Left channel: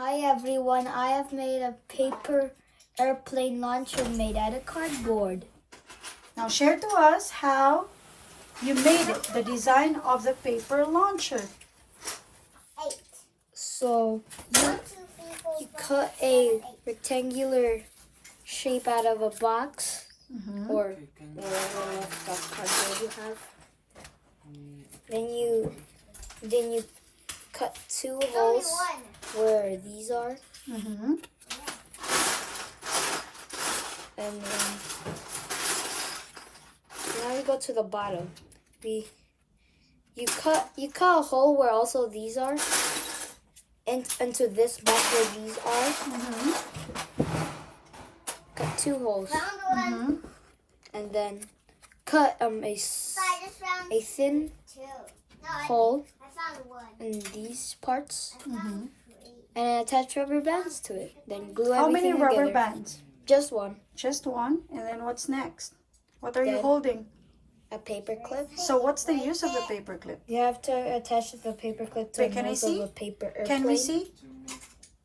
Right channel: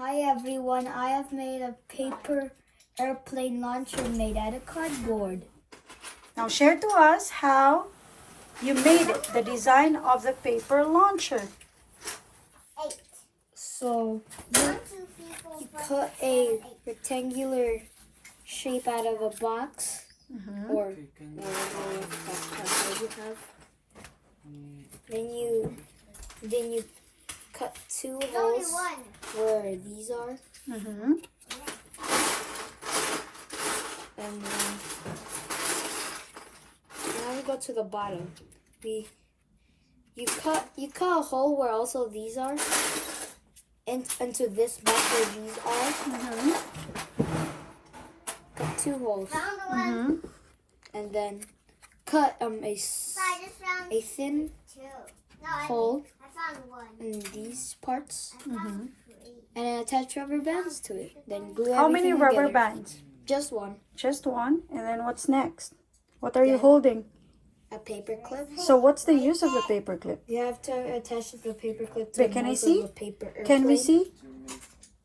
Hi everyone, I have made a paper airplane launcher made out of cardboard. Now share to us how you made it, the design of the paper launcher. So you cut a rectangular shape out of a box or whatever cardboard you have. Then you cut two holes where these are. And then now we go to the bottom. You cut a hole where also these are, into this box where these are. Cut two holes. And then cut a thin hole in these parts. And attach rubber bands to it. Then glue everything together. How many rubber bands? Just one. Just one. And then what's next? What are you holding? A paper clip. So what's the use of the paper clip? You have to attach the paper clip to the nose of a paper airplane. Can we see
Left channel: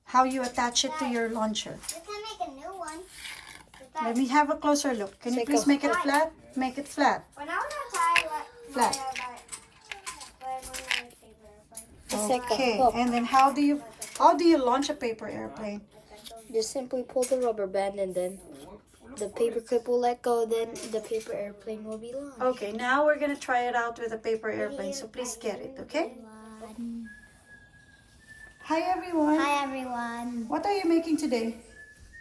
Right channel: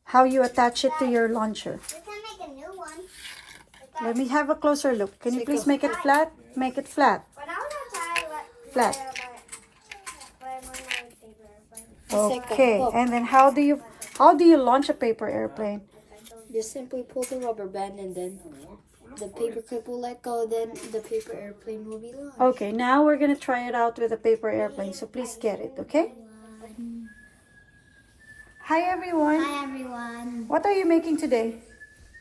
how you attach it to your launcher? Let me have a closer look. Can you please make it flat? Make it flat. Flat. Okay. And then how do you launch a paper airplane? Just simply pull the rubber band and then the paper clip will let go, then the paper airplane will be launched. Okay, now we're going to try it out with a paper airplane, so please get it, okay? Hi everyone. Hi everyone. What are you making today?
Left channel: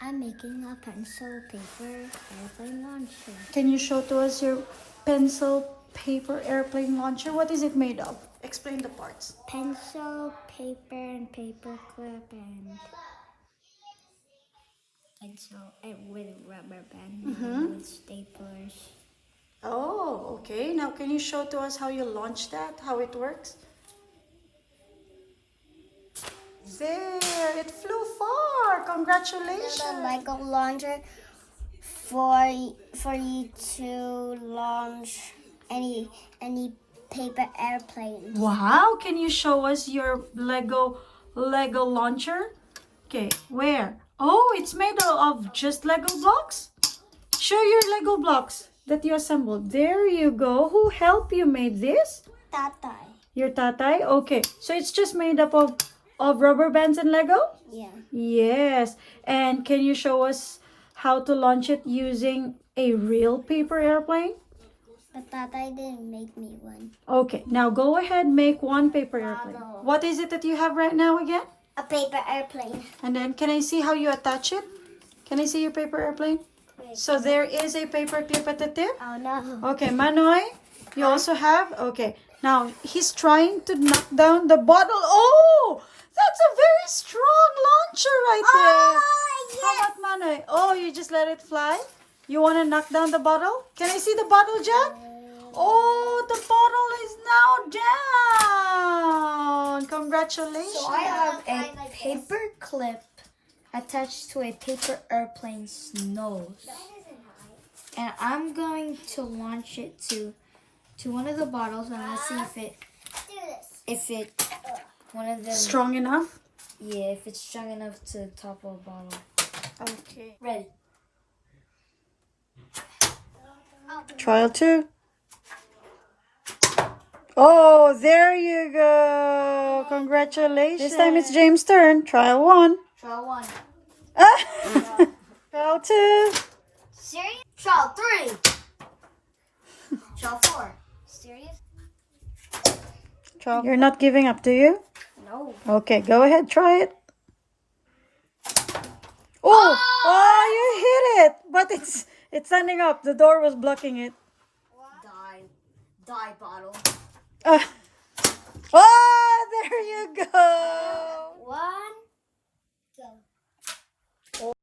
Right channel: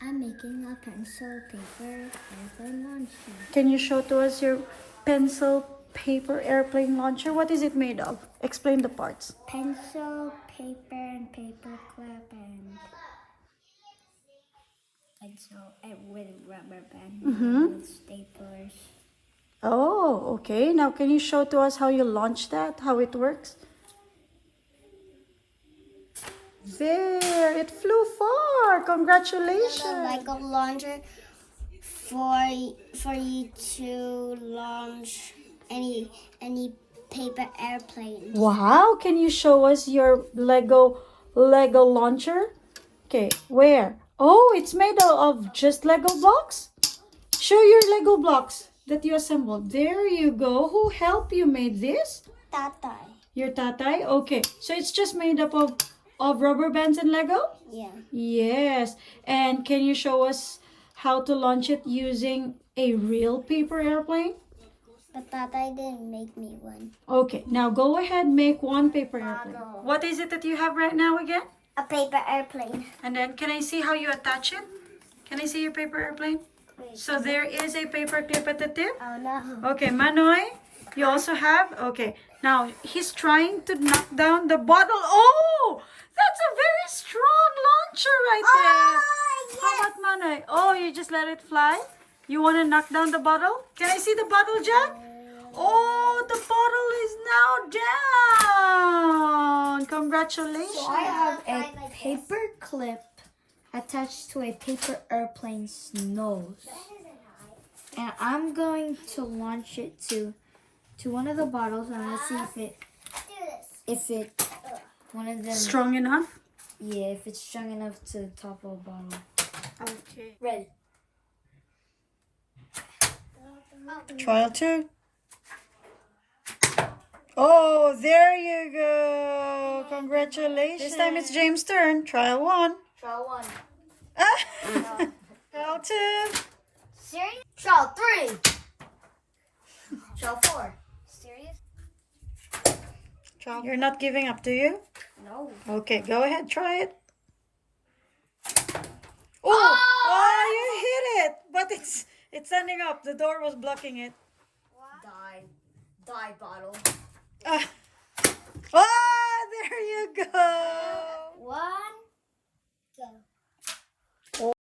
I'm making a pencil paper airplane launcher. Can you show to us your pencil paper airplane launcher? What is it made of? Explain the parts. Pencil, paper, and paper clip, and pencil with rubber band with staplers. Oh, okay. Now can you show to us how you launch that? How it works? There, it flew far. Congratulations. Like a launcher for you to launch any paper airplane. Wow, can you show us your Lego launcher? Okay, where? Oh, it's made of just Lego blocks? Show your Lego blocks that you assembled. There you go. Who helped you made this? Tatay. Your tatay? Okay, so it's just made up of rubber bands and Lego? Yeah. Yes. And can you show us how to launch it using a real paper airplane? But Tatay didn't make me one. Okay, now go ahead, make one paper airplane. What is it that you have right now again? A paper airplane. And then can I see how you attach it? Can I see your paper airplane? So there is a paper clip at the tip? Oh no. Okay, Manoy, you also have? Okay, now he's trying to knock down the bottle. Oh, that's a very strong launcher right there. Yes. How about Manoy? Oh, you just let it fly? You want to knock down the bottle? Can I see the bottle, Jack? Oh, the bottle is now down. Congratulations. So I have a paper clip attached to a paper airplane's nose. And I'm going to launch it to one of the bottles, and let's see if it one of them Strong enough? Yeah, if it's strong enough to top a bottle. Okay. Ready. Trial 2. Oh, there you go. Congratulations. This time it's James' turn. Trial 1. Trial 1. Trial 2. Serious? Trial 3. Trial 4. Serious? You're not giving up, do you? No. Okay, go ahead. Try it. Oh, you hit it. But it's standing up. The door was blocking it. Die bottle. Oh, there you go. 1,